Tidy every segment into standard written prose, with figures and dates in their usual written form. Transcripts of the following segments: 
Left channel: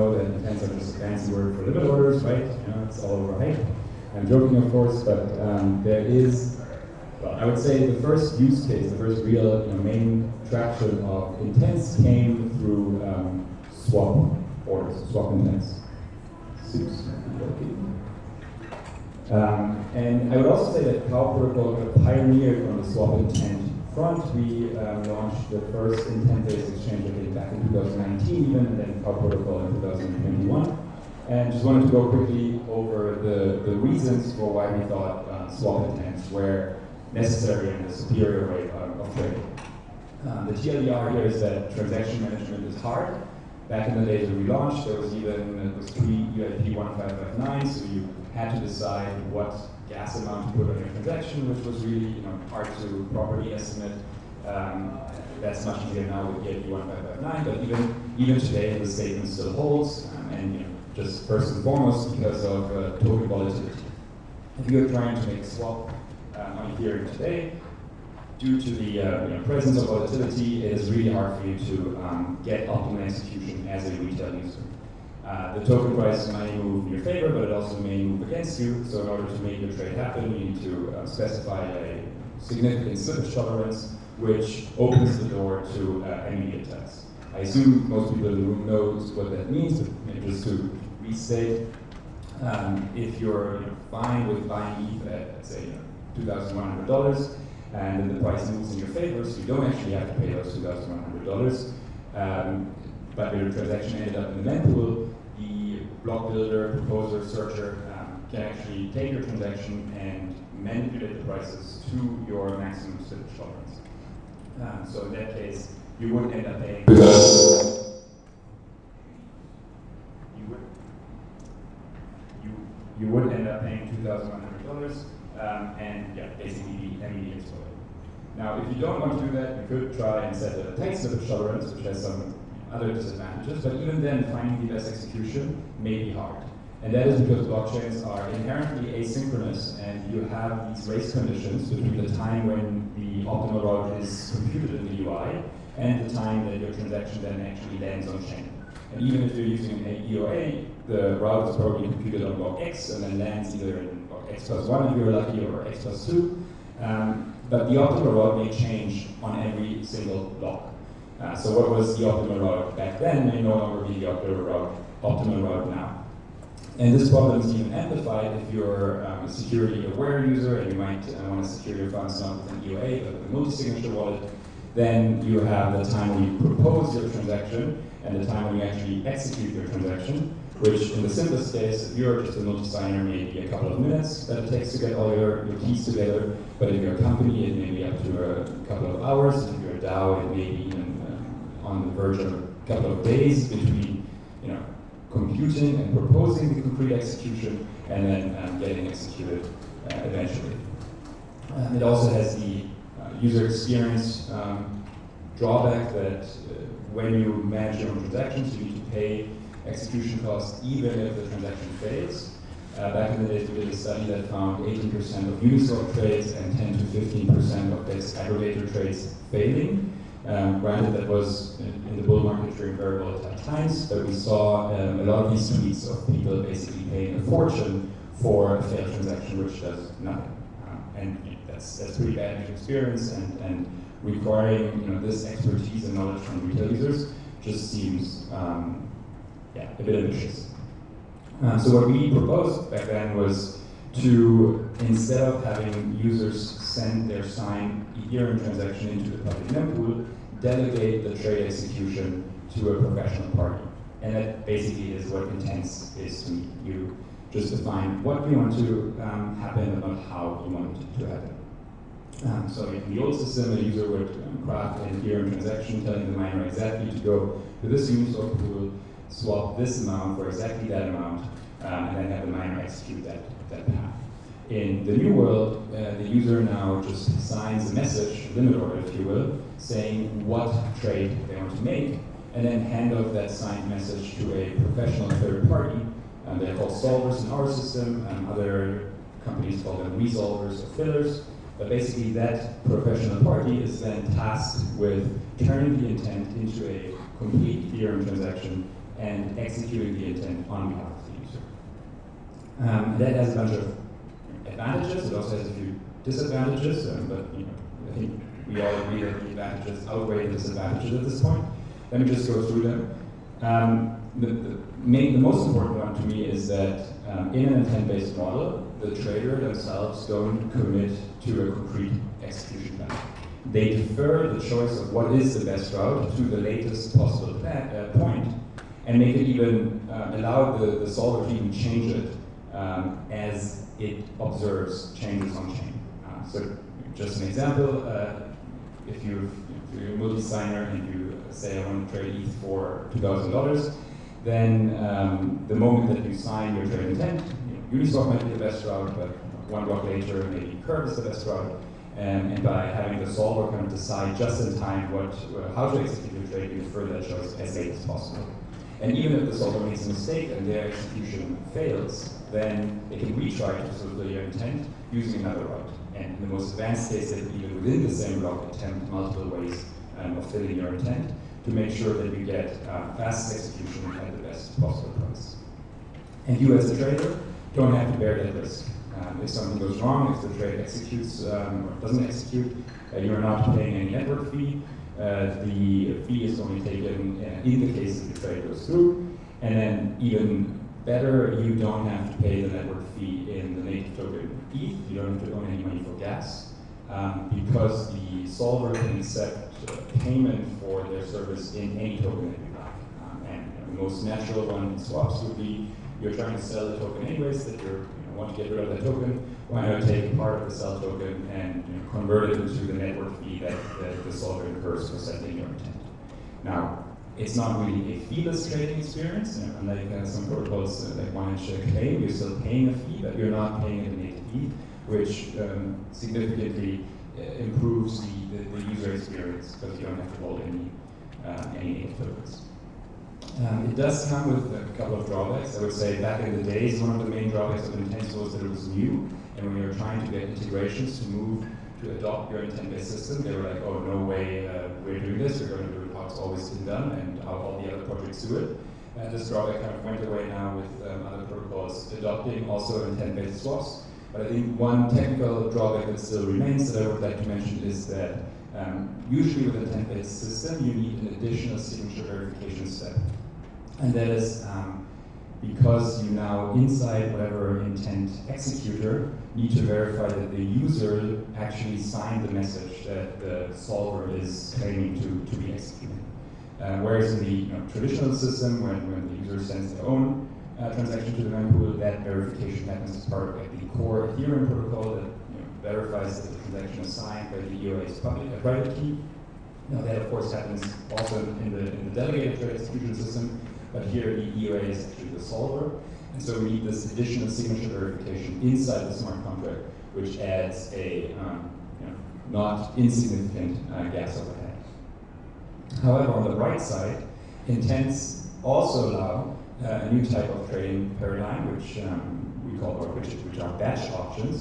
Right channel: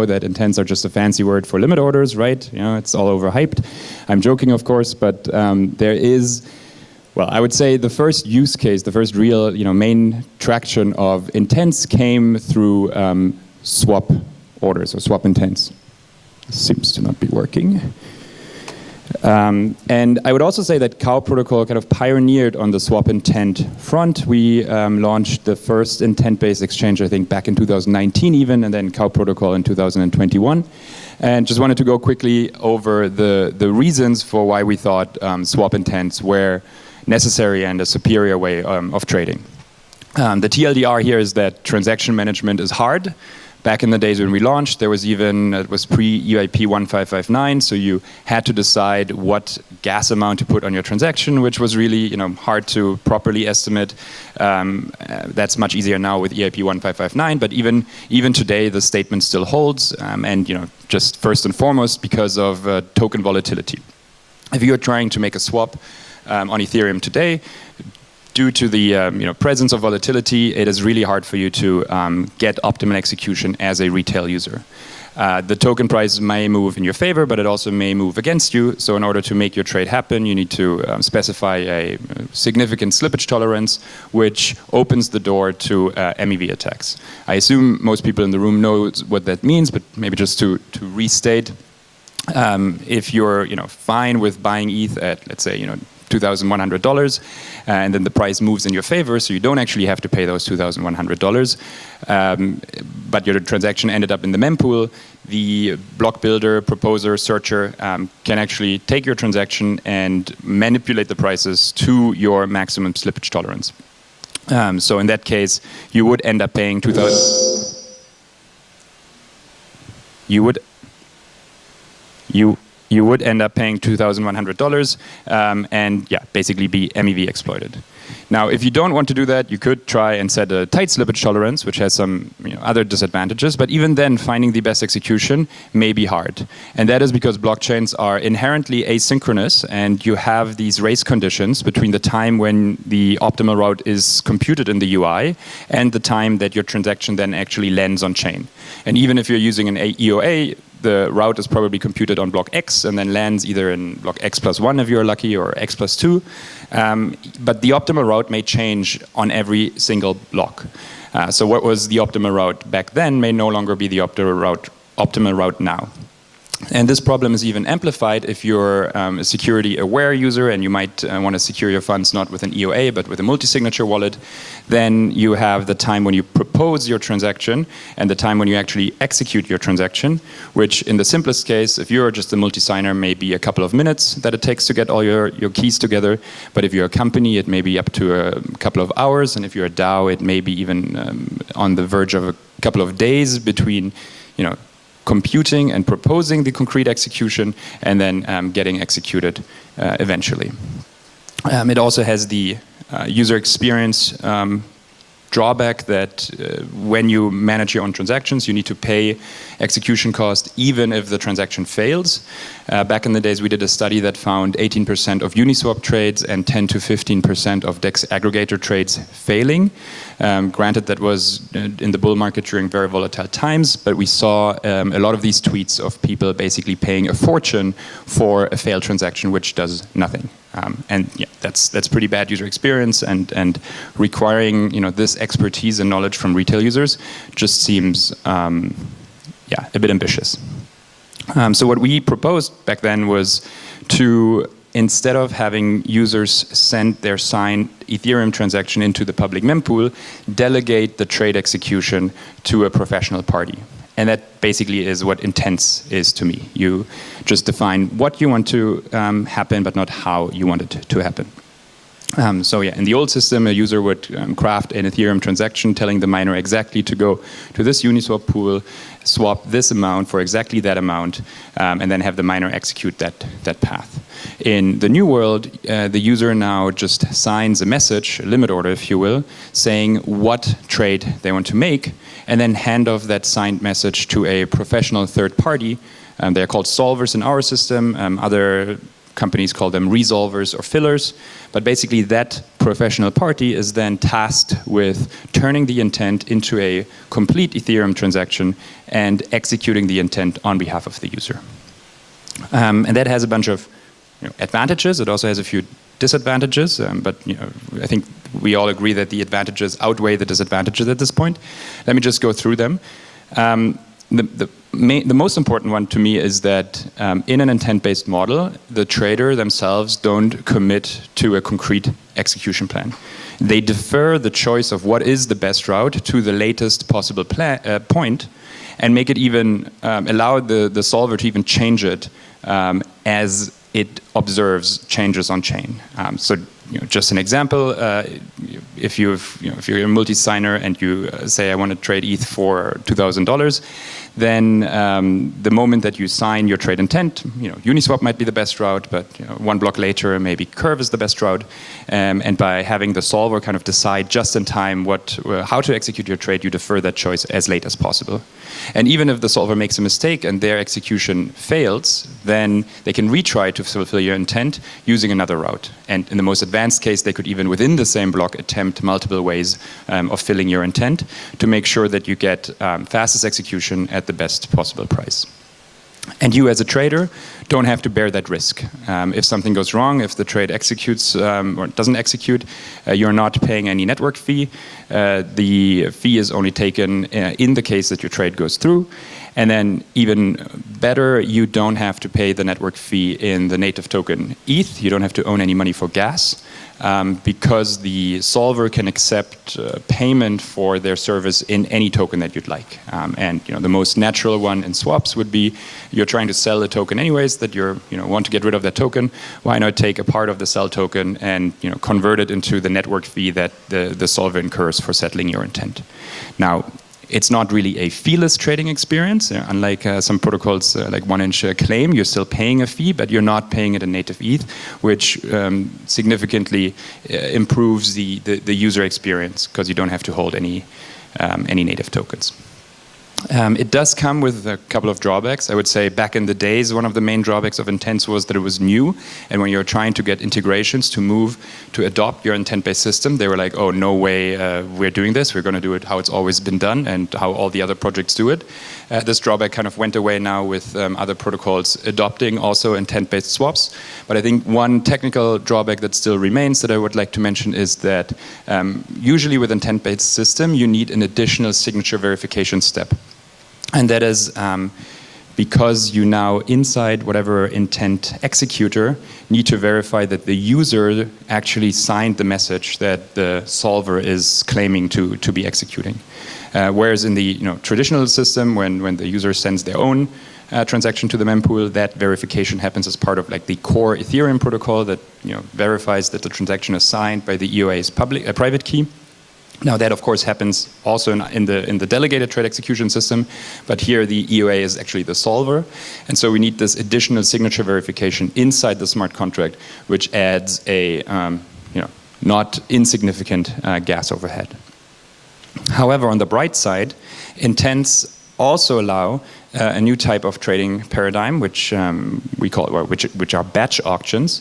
know that intents are just a fancy word for limit orders, right? You know, it's all overhyped. I'm joking, of course, but there is, well, I would say the first use case, the first real, main traction of intents came through swap orders or swap intents. Seems to not be working. And I would also say that CoW protocol kind of pioneered on the swap intent front. We launched the first intent-based exchange, I think, back in 2019 even, and then CoW protocol in 2021. And just wanted to go quickly over the reasons for why we thought swap intents were necessary and a superior way of trading. The TLDR here is that transaction management is hard. Back in the days when we launched, there was even, it was pre-EIP 1559, so you had to decide what gas amount to put on your transaction, which was really hard to properly estimate. That's much easier now with EIP 1559, but even today the statement still holds, and just first and foremost because of token volatility. If you're trying to make a swap on Ethereum today, due to the presence of volatility, it is really hard for you to get optimal execution as a retail user. The token price may move in your favor, but it also may move against you. So in order to make your trade happen, you need to specify a significant slippage tolerance, which opens the door to MEV attacks. I assume most people in the room know what that means, but maybe just to restate, if you're fine with buying ETH at, let's say, $2,100, and then the price moves in your favor, so you don't actually have to pay those $2,100, but your transaction ended up in the mempool, the block builder, proposer, searcher can actually take your transaction and manipulate the prices to your maximum slippage tolerance. So in that case, you would end up paying you would end up paying $2,100 and basically be MEV exploited. Now, if you don't want to do that, you could try and set a tight slippage tolerance, which has some other disadvantages, but even then, finding the best execution may be hard. And that is because blockchains are inherently asynchronous, and you have these race conditions between the time when the optimal route is computed in the UI and the time that your transaction then actually lands on chain. And even if you're using an EOA, the route is probably computed on block X and then lands either in block X plus 1 if you're lucky, or X plus 2. But the optimal route may change on every single block. So what was the optimal route back then may no longer be the optimal route now. And this problem is even amplified if you're a security-aware user and you might want to secure your funds not with an EOA but with a multi-signature wallet. Then you have the time when you propose your transaction and the time when you actually execute your transaction, which in the simplest case, if you're just a multi-signer, may be a couple of minutes that it takes to get all your keys together. But if you're a company, it may be up to a couple of hours. And if you're a DAO, it may be even on the verge of a couple of days between, computing and proposing the concrete execution and then getting executed eventually. It also has the user experience drawback that when you manage your own transactions, you need to pay execution cost even if the transaction fails. Back in the days, we did a study that found 18% of Uniswap trades and 10 to 15% of DEX aggregator trades failing. Granted, that was in the bull market during very volatile times, but we saw a lot of these tweets of people basically paying a fortune for a failed transaction, which does nothing. And that's pretty bad user experience, and requiring this expertise and knowledge from retail users just seems a bit ambitious. So what we proposed back then was to, instead of having users send their signed Ethereum transaction into the public mempool, delegate the trade execution to a professional party. And that basically is what intents is to me. You just define what you want to happen, but not how you want it to happen. In the old system, a user would craft an Ethereum transaction telling the miner exactly to go to this Uniswap pool, swap this amount for exactly that amount, and then have the miner execute that path. In the new world, the user now just signs a message, a limit order if you will, saying what trade they want to make, and then hand off that signed message to a professional third party. They're called solvers in our system. Other companies call them resolvers or fillers. But basically that professional party is then tasked with turning the intent into a complete Ethereum transaction and executing the intent on behalf of the user. And that has a bunch of advantages. It also has a few disadvantages, but I think we all agree that the advantages outweigh the disadvantages at this point. Let me just go through them. The most important one to me is that in an intent-based model, the trader themselves don't commit to a concrete execution plan. They defer the choice of what is the best route to the latest possible point, and make it even allow the solver to even change it as it observes changes on chain. So just an example, if you're a multi-signer and you say I want to trade ETH for $2,000, then the moment that you sign your trade intent, Uniswap might be the best route, but one block later maybe Curve is the best route. And by having the solver kind of decide just in time how to execute your trade, you defer that choice as late as possible. And even if the solver makes a mistake and their execution fails, then they can retry to fulfill your intent using another route. And in the most advanced case, they could even within the same block attempt multiple ways of filling your intent to make sure that you get fastest execution at the best possible price. And you as a trader don't have to bear that risk. If something goes wrong, if the trade executes or doesn't execute, you're not paying any network fee. The fee is only taken in the case that your trade goes through. And then even better, you don't have to pay the network fee in the native token ETH. You don't have to own any money for gas. Because the solver can accept payment for their service in any token that you'd like. And the most natural one in swaps would be you're trying to sell a token anyways that you want to get rid of that token. Why not take a part of the sell token and convert it into the network fee that the solver incurs for settling your intent. Now, it's not really a feeless trading experience. Unlike some protocols like 1inch claim, you're still paying a fee, but you're not paying it in native ETH, which significantly improves the user experience because you don't have to hold any native tokens. It does come with a couple of drawbacks. I would say back in the days, one of the main drawbacks of Intents was that it was new. And when you're trying to get integrations to adopt your intent-based system, they were like, oh, no way we're doing this. We're going to do it how it's always been done and how all the other projects do it. This drawback kind of went away now with other protocols adopting also intent-based swaps. But I think one technical drawback that still remains that I would like to mention is that usually with intent-based system, you need an additional signature verification step. And that is because you now, inside whatever intent executor, need to verify that the user actually signed the message that the solver is claiming to be executing. Whereas in the traditional system, when the user sends their own transaction to the mempool, that verification happens as part of the core Ethereum protocol that verifies that the transaction is signed by the EOA's private key. Now that of course happens also in the delegated trade execution system, but here the EOA is actually the solver, and so we need this additional signature verification inside the smart contract, which adds a not insignificant gas overhead. However, on the bright side, intents also allow a new type of trading paradigm, which which are batch auctions,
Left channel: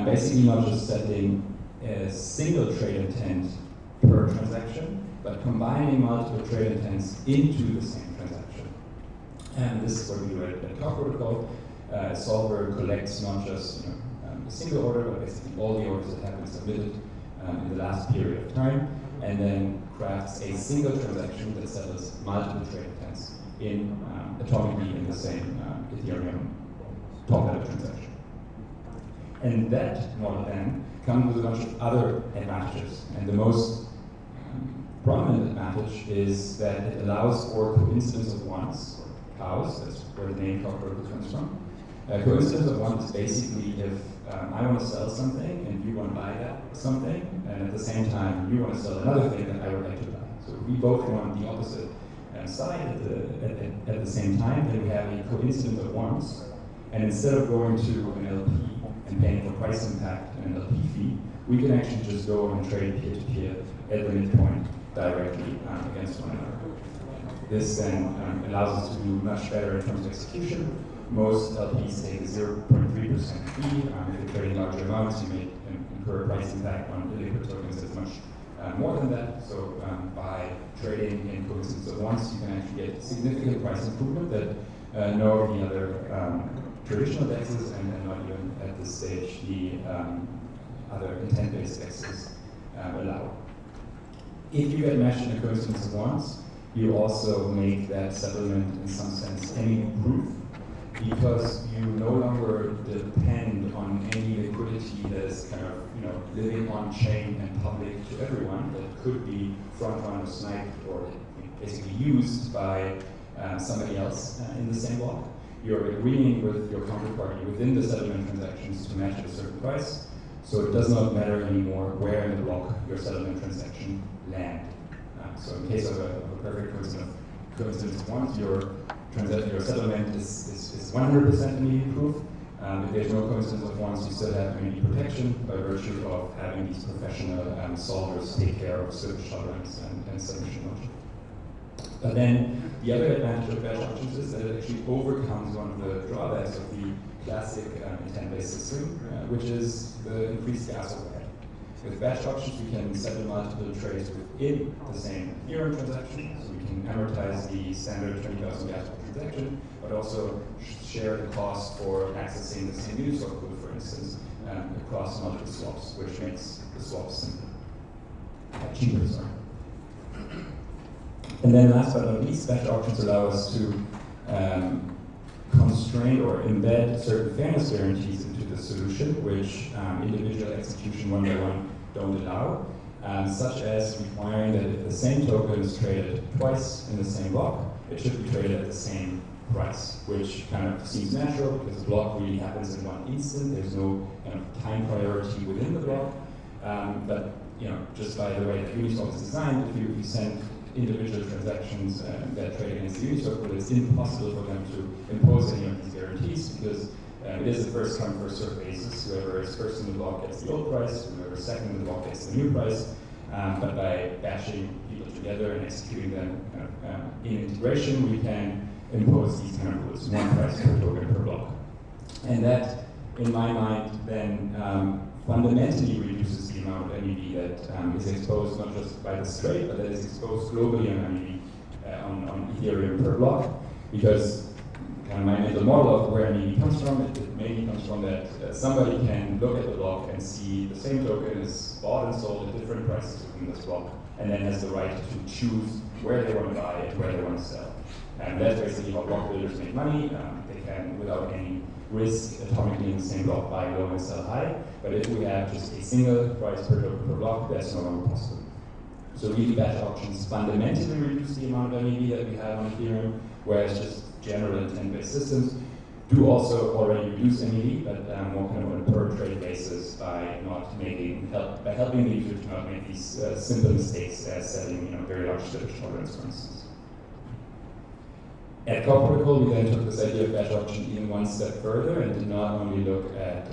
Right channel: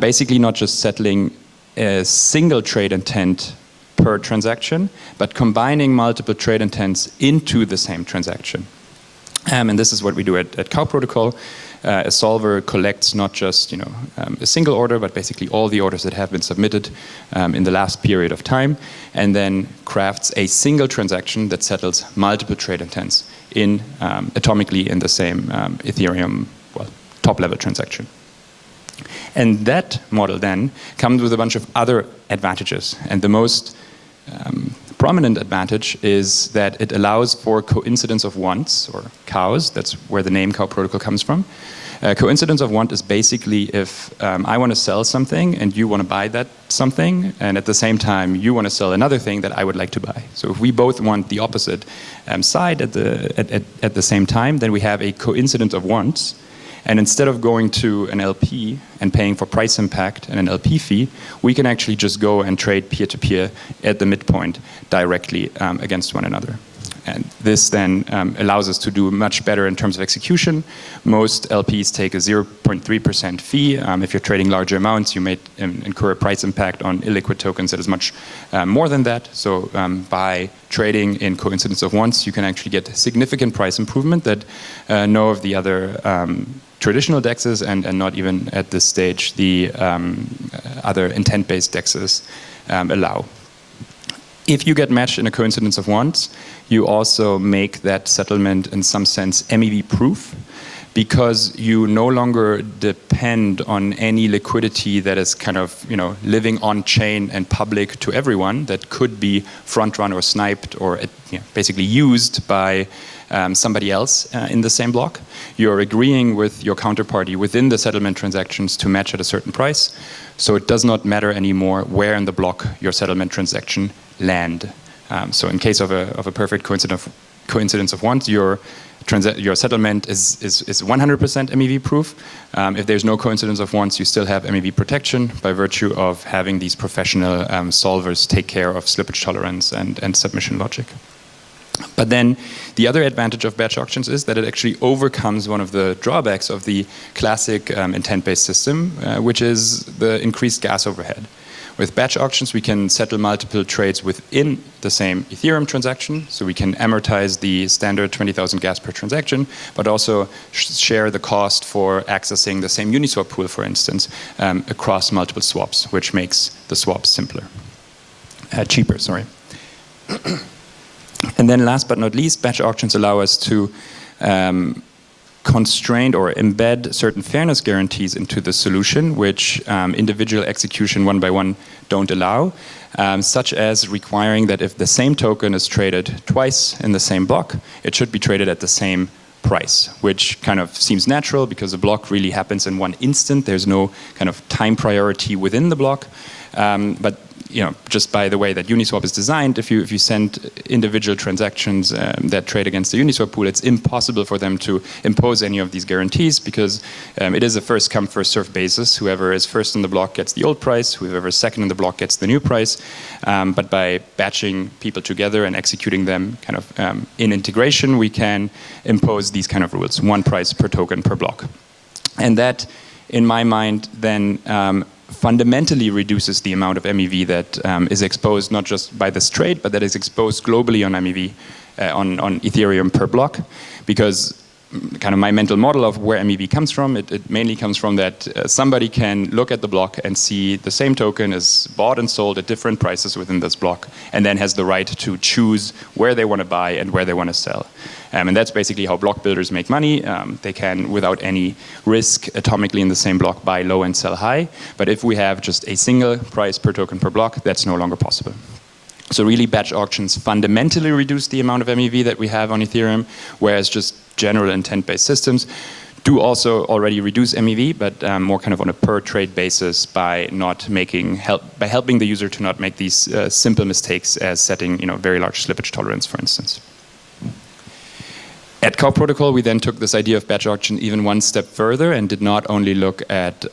basically not just settling a single trade intent per transaction, but combining multiple trade intents into the same transaction. And this is what we do at CoW protocol. A solver collects not just a single order, but basically all the orders that have been submitted in the last period of time, and then crafts a single transaction that settles multiple trade intents atomically in the same Ethereum top-level transaction. And that model then comes with a bunch of other advantages, and the most prominent advantage is that it allows for coincidence of wants, or CoWs. That's where the name CoW protocol comes from. Coincidence of want is basically if I want to sell something and you want to buy that something, and at the same time you want to sell another thing that I would like to buy. So if we both want the opposite side at the same time, then we have a coincidence of wants. And instead of going to an LP and paying for price impact and an LP fee, we can actually just go and trade peer-to-peer at the midpoint directly against one another. And this then allows us to do much better in terms of execution. Most LPs take a 0.3% fee. If you're trading larger amounts, you may incur a price impact on illiquid tokens that is much more than that. So by trading in coincidence of once, you can actually get significant price improvement that no of the other traditional DEXs and not even at this stage the other intent-based DEXs allow. If you get matched in a coincidence of once, you also make that settlement in some sense MEV proof, because you no longer depend on any liquidity that is kind of living on chain and public to everyone, that could be front run or sniped or basically used by somebody else in the same block. You're agreeing with your counterparty within the settlement transactions to match at a certain price, so it does not matter anymore where in the block your settlement transaction land. So in case of a perfect coincidence of once, your settlement is 100% MEV proof. If there's no coincidence of once, you still have MEV protection by virtue of having these professional solvers take care of slippage tolerance and submission logic. But then the other advantage of batch auctions is that it actually overcomes one of the drawbacks of the classic intent-based system, which is the increased gas overhead. With batch auctions, we can settle multiple trades within the same Ethereum transaction, so we can amortize the standard 20,000 gas per transaction, but also share the cost for accessing the same Uniswap pool, for instance, across multiple swaps, which makes the swaps cheaper. And then last but not least, batch auctions allow us to constrain or embed certain fairness guarantees into the solution, which individual execution one by one don't allow, such as requiring that if the same token is traded twice in the same block, it should be traded at the same price, which kind of seems natural because the block really happens in one instant. There's no kind of time priority within the block. But just by the way that Uniswap is designed, if you send individual transactions that trade against the Uniswap pool, it's impossible for them to impose any of these guarantees, because it is a first come first served basis. Whoever is first in the block gets the old price, whoever is second in the block gets the new price. But by batching people together and executing them kind of in integration, we can impose these kind of rules: one price per token per block. And that, in my mind, then fundamentally reduces the amount of MEV that is exposed not just by this trade, but that is exposed globally on MEV, on Ethereum per block. Because kind of my mental model of where MEV comes from, it mainly comes from that somebody can look at the block and see the same token is bought and sold at different prices within this block, and then has the right to choose where they want to buy and where they want to sell. And that's basically how block builders make money. They can, without any risk, atomically in the same block, buy low and sell high. But if we have just a single price per token per block, that's no longer possible. So really, batch auctions fundamentally reduce the amount of MEV that we have on Ethereum, whereas just general intent-based systems do also already reduce MEV, but more kind of on a per trade basis by helping the user to not make these simple mistakes as setting very large slippage tolerance, for instance. At CoW protocol, we then took this idea of batch auction even one step further and did not only look at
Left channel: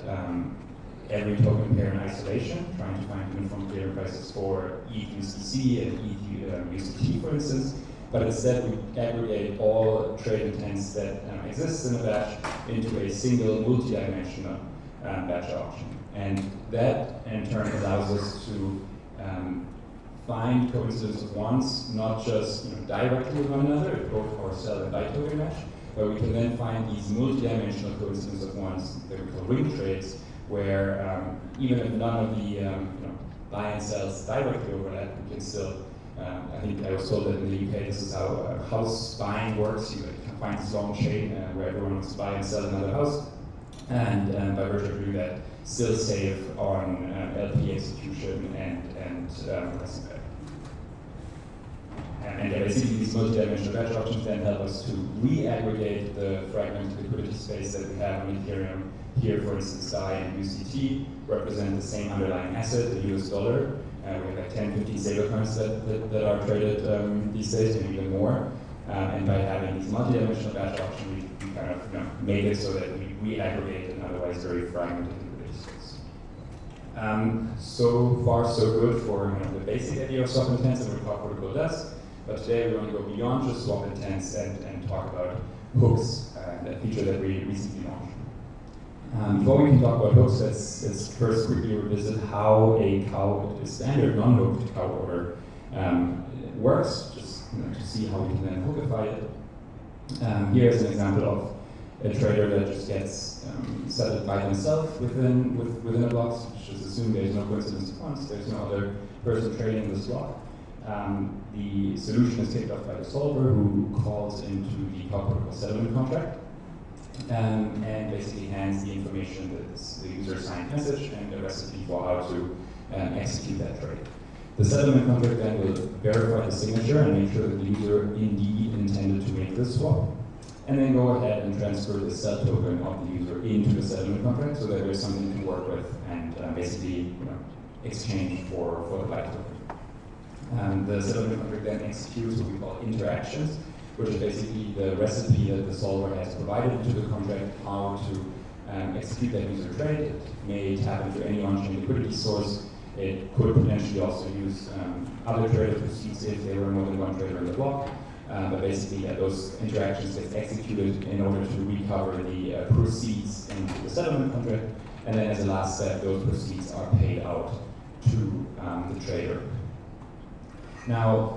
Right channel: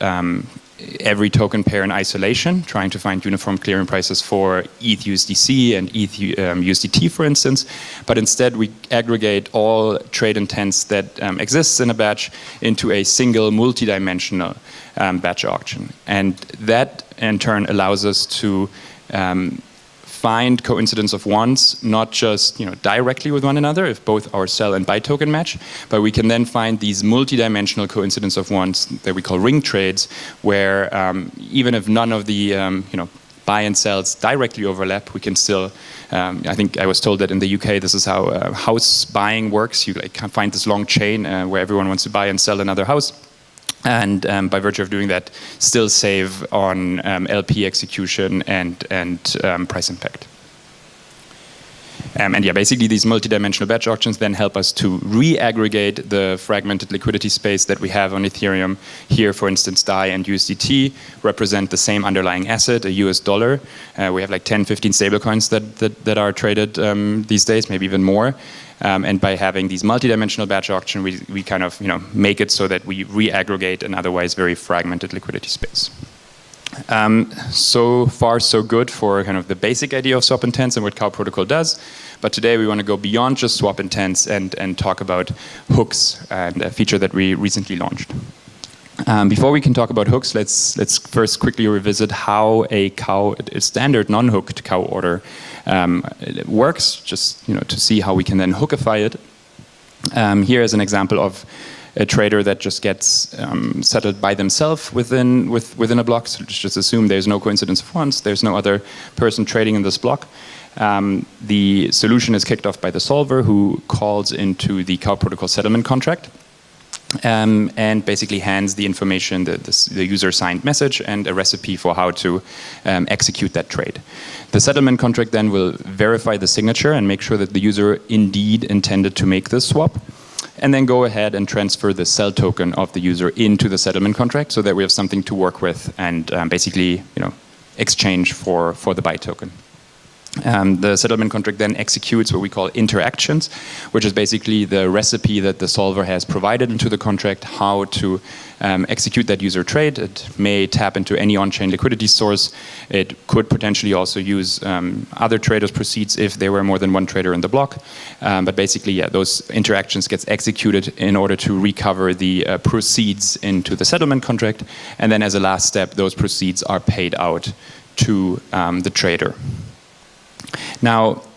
every token pair in isolation, trying to find uniform clearing prices for ETH USDC and ETH USDT, for instance, but instead we aggregate all trade intents that exists in a batch into a single multi-dimensional batch auction. And that, in turn, allows us to find coincidence of once, not just directly with one another, if both our sell and buy token match, but we can then find these multi-dimensional coincidence of once that we call ring trades, where even if none of the buy and sells directly overlap, we can still. I think I was told that in the UK, this is how house buying works. You can find this long chain where everyone wants to buy and sell another house. And by virtue of doing that, still save on LP execution and price impact. And yeah, basically these multi-dimensional batch auctions then help us to re-aggregate the fragmented liquidity space that we have on Ethereum. Here, for instance, DAI and USDT represent the same underlying asset, a US dollar. We have like 10, 15 stablecoins that are traded these days, maybe even more. And by having these multi-dimensional batch auction, we kind of make it so that we re-aggregate an otherwise very fragmented liquidity space. So far, so good for kind of the basic idea of swap intents and what CoW protocol does. But today we want to go beyond just swap intents and talk about hooks, and a feature that we recently launched. Before we can talk about hooks, let's first quickly revisit how a CoW, a standard non-hooked CoW order, works, just to see how we can then hookify it. Here is an example of a trader that just gets settled by themselves within a block. So just assume there's no coincidence of once, there's no other person trading in this block. The solution is kicked off by the solver, who calls into the CoW protocol settlement contract. And basically hands the information, the user signed message and a recipe for how to execute that trade. The settlement contract then will verify the signature and make sure that the user indeed intended to make this swap, and then go ahead and transfer the sell token of the user into the settlement contract so that we have something to work with and basically exchange for the buy token. The settlement contract then executes what we call interactions, which is basically the recipe that the solver has provided into the contract, how to execute that user trade. It may tap into any on-chain liquidity source. It could potentially also use other traders' proceeds if there were more than one trader in the block. But basically, yeah, those interactions gets executed in order to recover the proceeds into the settlement contract. And then as a last step, those proceeds are paid out to the trader. Now,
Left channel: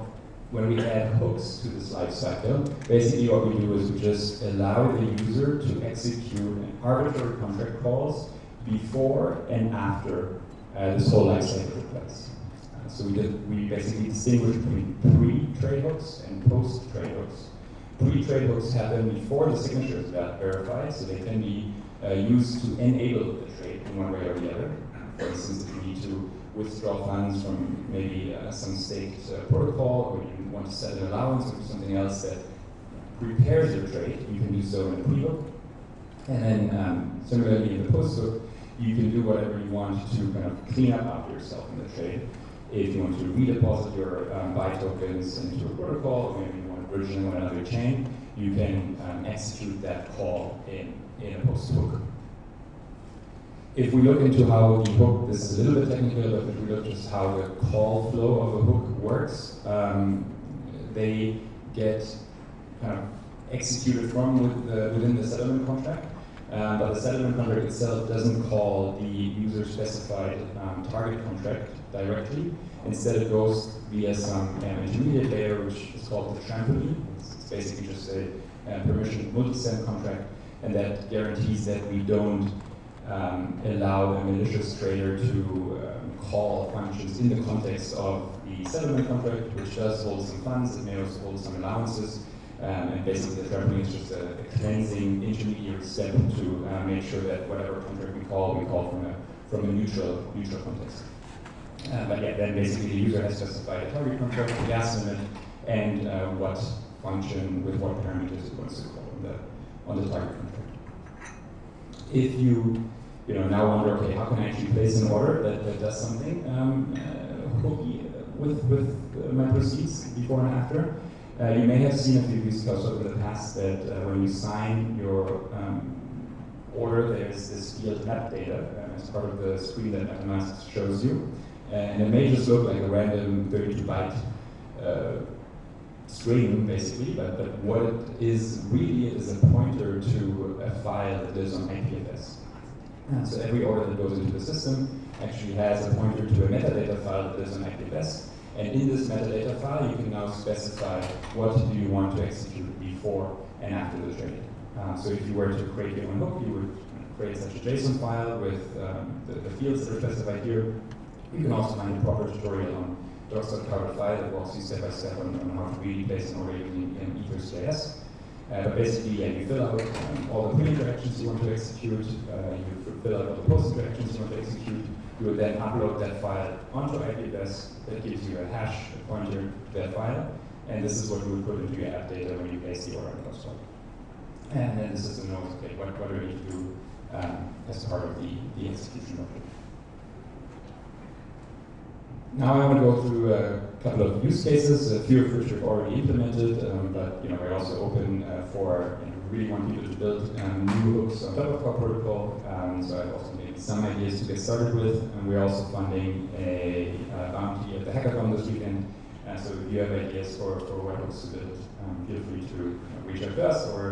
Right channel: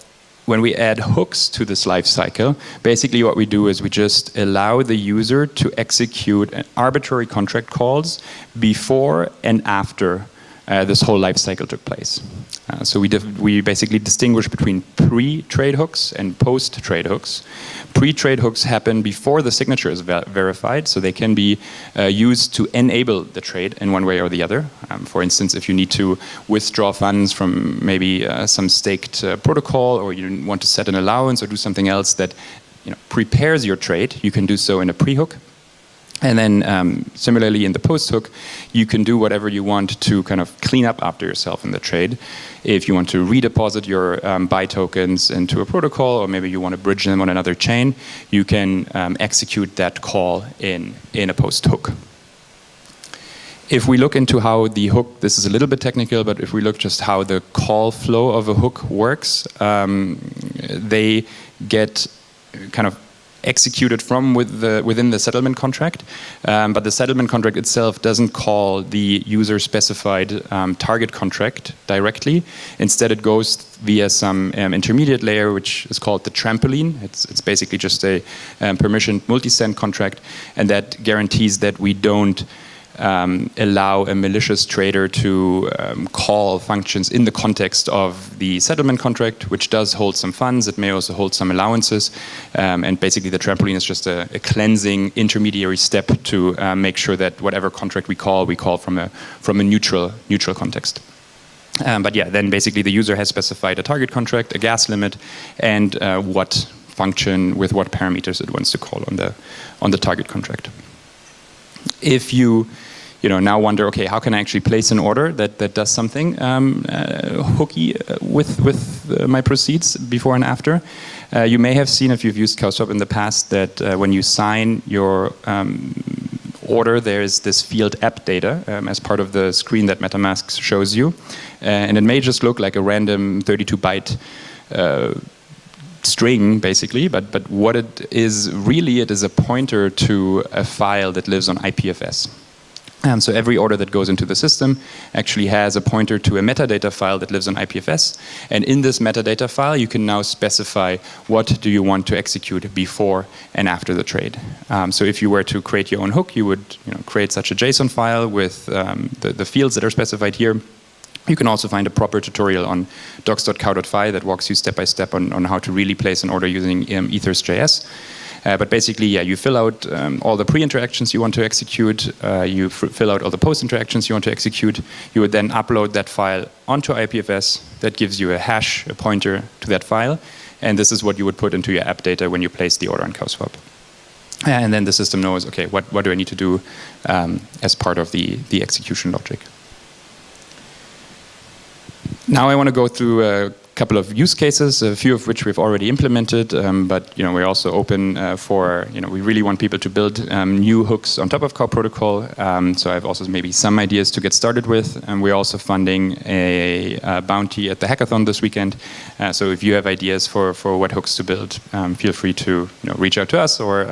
when we add hooks to this life cycle, basically what we do is we just allow the user to execute an arbitrary contract calls before and after this whole life cycle took place. So we basically distinguish between pre-trade hooks and post-trade hooks. Pre-trade hooks happen before the signature is verified, so they can be used to enable the trade in one way or the other. For instance, if you need to withdraw funds from maybe some staked protocol, or you want to set an allowance or do something else that prepares your trade, you can do so in a pre-hook. And then similarly in the post-hook, you can do whatever you want to kind of clean up after yourself in the trade. If you want to redeposit your buy tokens into a protocol, or maybe you want to bridge them on another chain, you can execute that call in a post-hook. If we look into how the hook, this is a little bit technical, but if we look just how the call flow of a hook works, they get kind of executed from within the settlement contract, but the settlement contract itself doesn't call the user-specified target contract directly. Instead, it goes via some intermediate layer, which is called the trampoline. It's basically just a permissioned multi-sig contract, and that guarantees that we don't allow a malicious trader to call functions in the context of the settlement contract, which does hold some funds. It may also hold some allowances. And basically the trampoline is just a cleansing intermediary step to make sure that whatever contract we call from a neutral context. But yeah, then basically the user has specified a target contract, a gas limit, and what function with what parameters it wants to call on the target contract. If you now wonder, okay, how can I actually place an order that does something hooky with my proceeds before and after? You may have seen, if you've used CoW in the past, that when you sign your order, there's this field app data as part of the screen that MetaMask shows you. And it may just look like a random 32-byte string, basically, but what it is really, it is a pointer to a file that lives on IPFS. So every order that goes into the system actually has a pointer to a metadata file that lives on IPFS. And in this metadata file, you can now specify what do you want to execute before and after the trade. So if you were to create your own hook, you would create such a JSON file with the fields that are specified here. You can also find a proper tutorial on docs.cow.fi that walks you step by step on how to really place an order using ethers.js. But basically, yeah, you fill out all the pre-interactions you want to execute, you fill out all the post-interactions you want to execute. You would then upload that file onto IPFS. That gives you a hash, a pointer to that file. And this is what you would put into your app data when you place the order on CoW. And then the system knows, okay, what do I need to do as part of the execution logic. Now I want to go through a couple of use cases, a few of which we've already implemented, but we're also open for, we really want people to build new hooks on top of CoW protocol. So I have also maybe some ideas to get started with. And we're also funding a bounty at the hackathon this weekend. So if you have ideas for what hooks to build, feel free to reach out to us or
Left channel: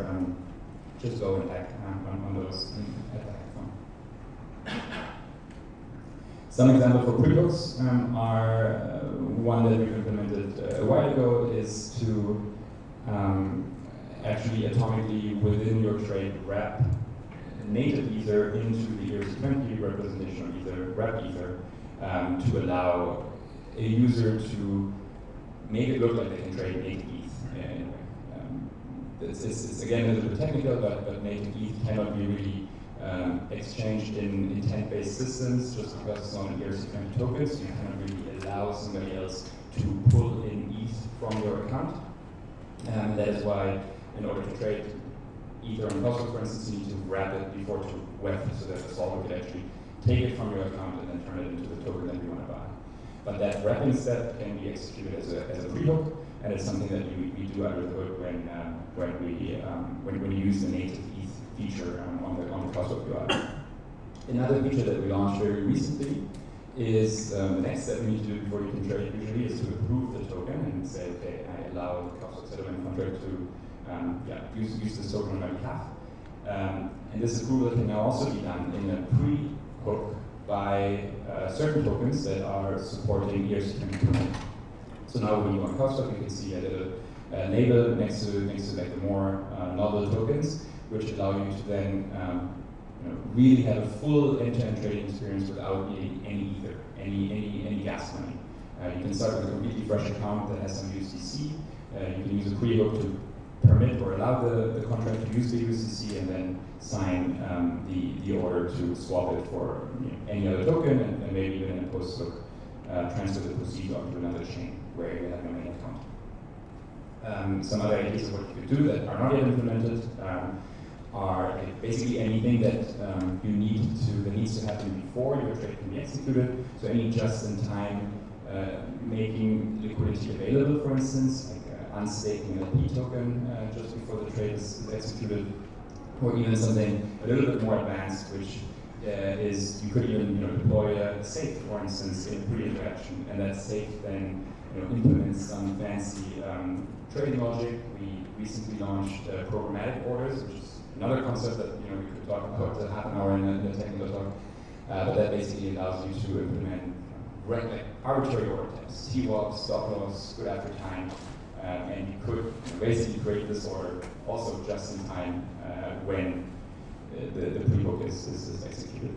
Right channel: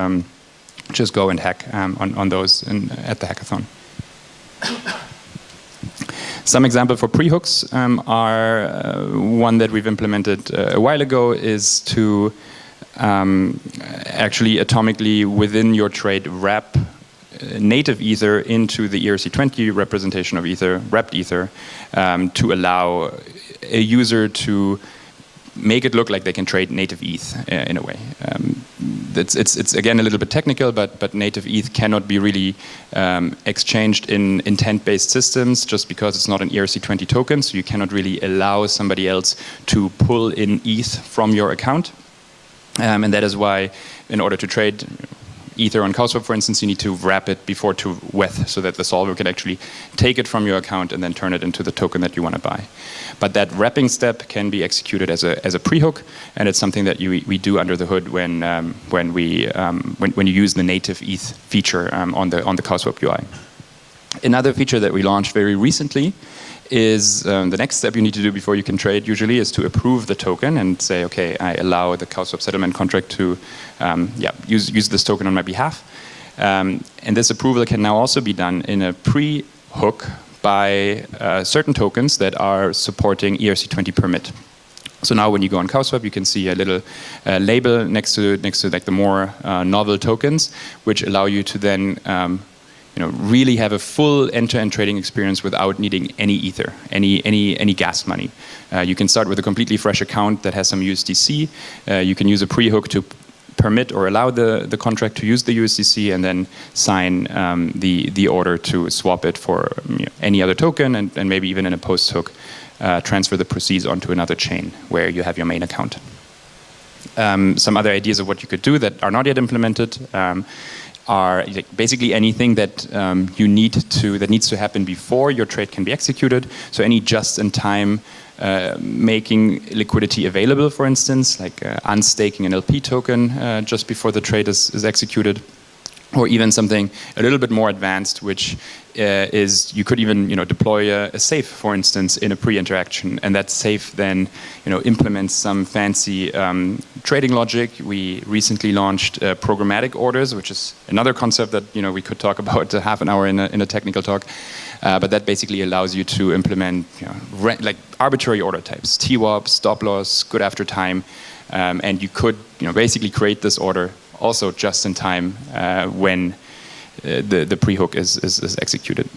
just go and hack on those at the hackathon. Some example for pre-hooks are one that we've implemented a while ago is to actually atomically within your trade wrap native Ether into the ERC20 representation of Ether, wrapped Ether, to allow a user to make it look like they can trade native ETH in a way. It's again a little bit technical, but native ETH cannot be really exchanged in intent-based systems just because it's not an ERC20 token, so you cannot really allow somebody else to pull in ETH from your account. And that is why, in order to trade Ether on CoW, for instance, you need to wrap it before to WETH so that the solver can actually take it from your account and then turn it into the token that you want to buy. But that wrapping step can be executed as a pre-hook, and it's something that we do under the hood when you use the native ETH feature on the CoW UI. Another feature that we launched very recently is the next step you need to do before you can trade usually is to approve the token and say, okay, I allow the CoW settlement contract to use this token on my behalf. And this approval can now also be done in a pre-hook by certain tokens that are supporting ERC20 permit. So now when you go on CoW, you can see a little label next to like the more novel tokens, which allow you to then really have a full end-to-end trading experience without needing any Ether, any gas money. You can start with a completely fresh account that has some USDC. You can use a pre-hook to permit or allow the contract to use the USDC and then sign the order to swap it for any other token and maybe even in a post-hook transfer the proceeds onto another chain where you have your main account. Some other ideas of what you could do that are not yet implemented are basically anything that that needs to happen before your trade can be executed. So any just-in-time making liquidity available, for instance, like unstaking an LP token just before the trade is executed, or even something a little bit more advanced, which is you could even deploy a safe, for instance, in a pre-interaction, and that safe then implements some fancy trading logic. We recently launched programmatic orders, which is another concept that we could talk about half an hour in a technical talk. But that basically allows you to implement like arbitrary order types, TWAP, stop loss, good after time, and you could basically create this order also just in time when the pre-hook is executed.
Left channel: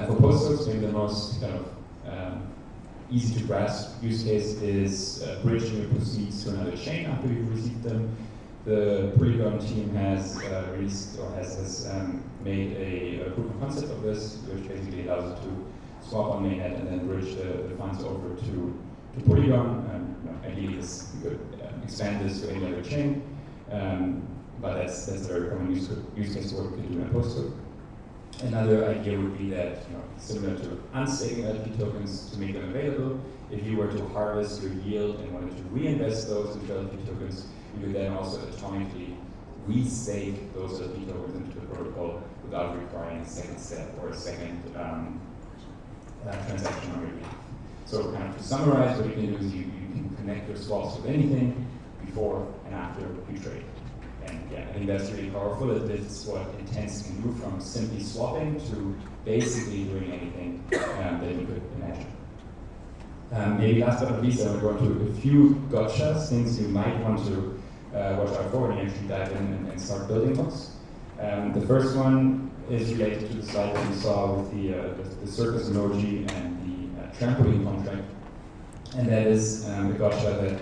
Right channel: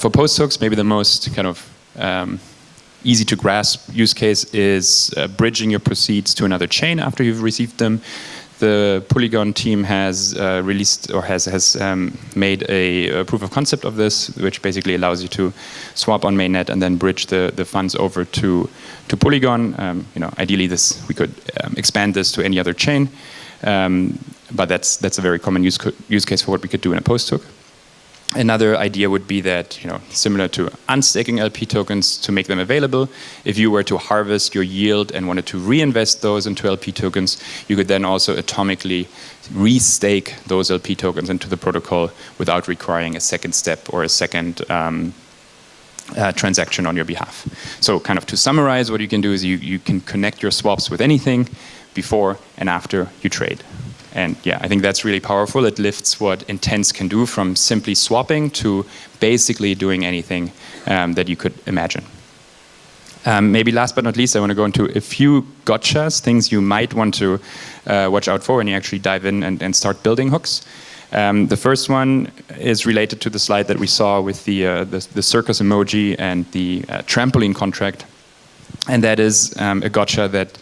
For post-hooks, maybe the most kind of easy to grasp use case is bridging your proceeds to another chain after you've received them. The Polygon team has released or has made a proof of concept of this, which basically allows you to swap on mainnet and then bridge the funds over to Polygon. Ideally, we could expand this to any other chain, but that's a very common use case for what we could do in a post hook. Another idea would be that, similar to unstaking LP tokens, to make them available, if you were to harvest your yield and wanted to reinvest those into LP tokens, you could then also atomically restake those LP tokens into the protocol without requiring a second step or a second transaction on your behalf. So kind of to summarize, what you can do is you can connect your swaps with anything before and after you trade. And yeah, I think that's really powerful. It lifts what intents can do from simply swapping to basically doing anything that you could imagine. Maybe last but not least, I want to go into a few gotchas, things you might want to watch out for when you actually dive in and start building hooks. The first one is related to the slide that we saw with the circus emoji and the trampoline contract. And that is a gotcha that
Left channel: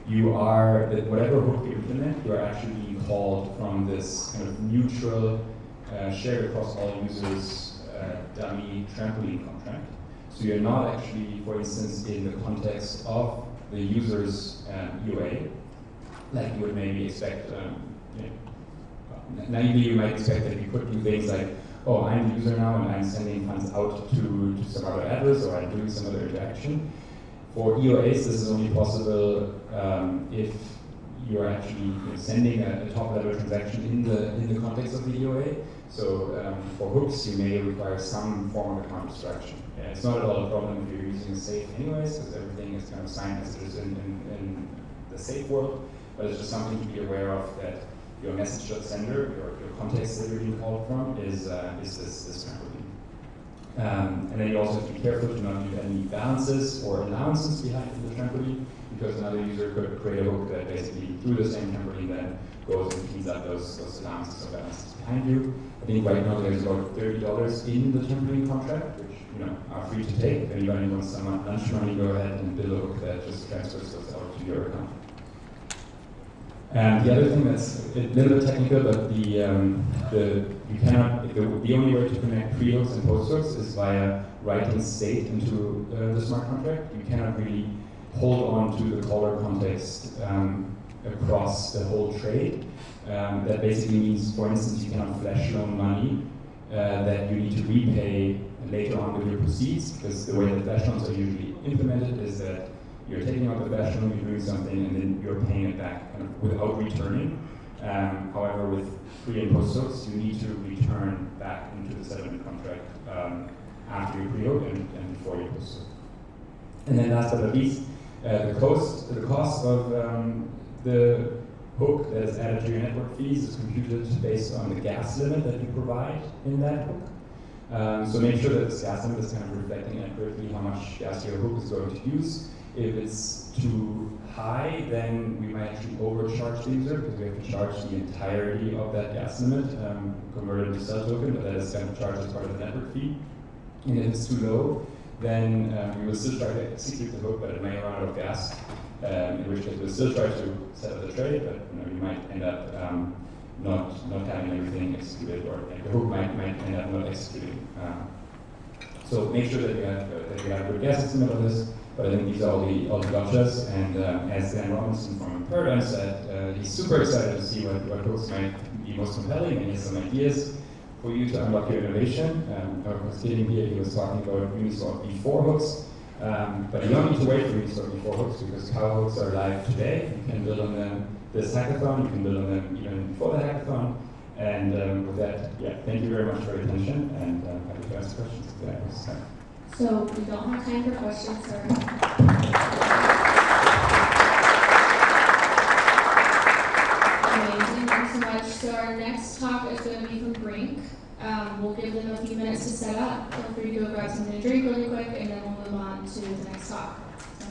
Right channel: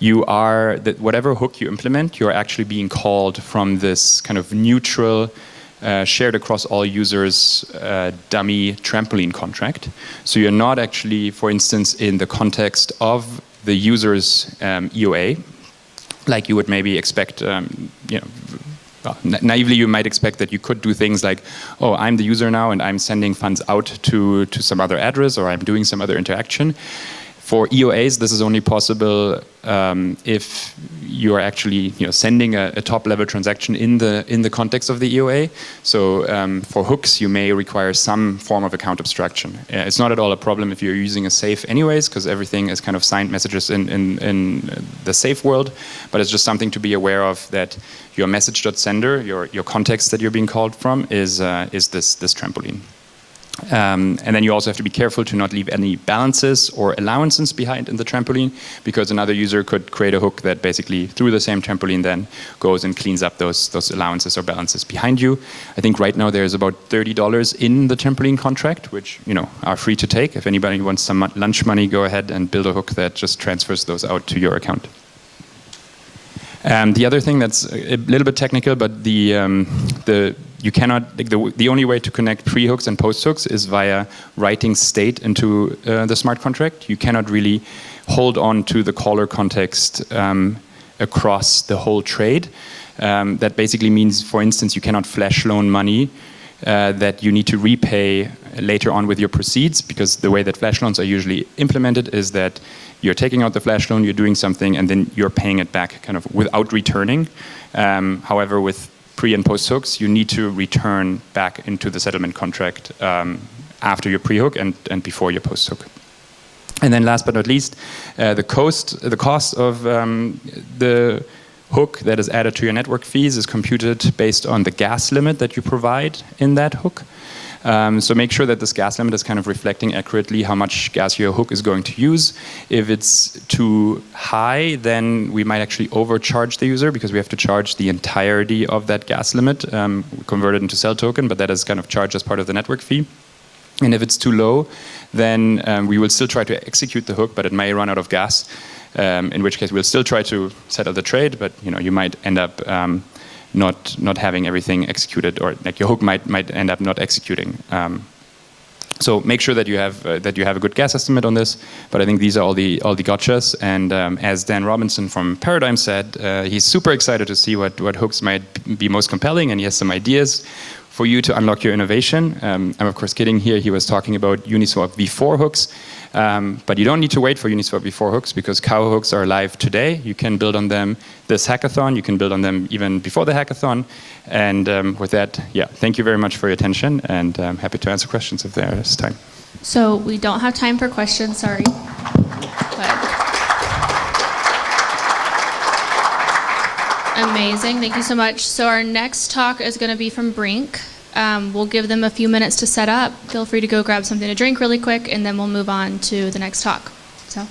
that whatever hook you implement, you're actually being called from this kind of neutral, shared across all users dummy trampoline contract. So you're not actually, for instance, in the context of the user's EOA, like you would maybe expect naively you might expect that you could do things like, oh, I'm the user now and I'm sending funds out to some other address, or I'm doing some other interaction. For EOAs, this is only possible if you are actually sending a top-level transaction in the context of the EOA. So for hooks, you may require some form of account abstraction. It's not at all a problem if you're using a safe anyways, because everything is kind of signed messages in the safe world. But it's just something to be aware of, that your message.sender, your context that you're being called from, is this trampoline. And then you also have to be careful to not leave any balances or allowances behind in the trampoline, because another user could create a hook that basically, through the same trampoline, then goes and cleans up those allowances or balances behind you. I think right now there's about $30 in the trampoline contract, which are free to take. If anybody wants some lunch money, go ahead and build a hook that just transfers those out to your account. The other thing that's a little bit technical, but the only way to connect pre-hooks and post-hooks is via writing state into the smart contract. You cannot really hold on to the caller context across the whole trade. That basically means, for instance, you cannot flash loan money that you need to repay later on with your proceeds, because the way that flash loans are usually implemented is that you're taking out the flash loan, you're doing something, and then you're paying it back kind of without returning. However, with pre and post hooks, you need to return back into the settlement contract after your pre-hook and before your post hook. And then last but not least, the cost of the hook that is added to your network fees is computed based on the gas limit that you provide in that hook. So make sure that this gas limit is kind of reflecting accurately how much gas your hook is going to use. If it's too high, then we might actually overcharge the user, because we have to charge the entirety of that gas limit, converted into cell token, but that is kind of charged as part of the network fee. And if it's too low, then we will still try to execute the hook, but it may run out of gas, in which case we'll still try to settle the trade, but you might end up not having everything executed, or like your hook might end up not executing. So make sure that you have a good gas estimate on this. But I think these are all the gotchas. And as Dan Robinson from Paradigm said, he's super excited to see what hooks might be most compelling, and he has some ideas for you to unlock your innovation. I'm of course kidding here. He was talking about Uniswap v4 hooks. But you don't need to wait for Uniswap v4 hooks, because CoW hooks are live today. You can build on them this hackathon. You can build on them even before the hackathon. And with that, thank you very much for your attention, and I'm happy to answer questions if there is time. So we don't have time for questions, sorry. Amazing, thank you so much. So our next talk is going to be from Brink. We'll give them a few minutes to set up. Feel free to go grab something to drink really quick, and then we'll move on to the next talk. So.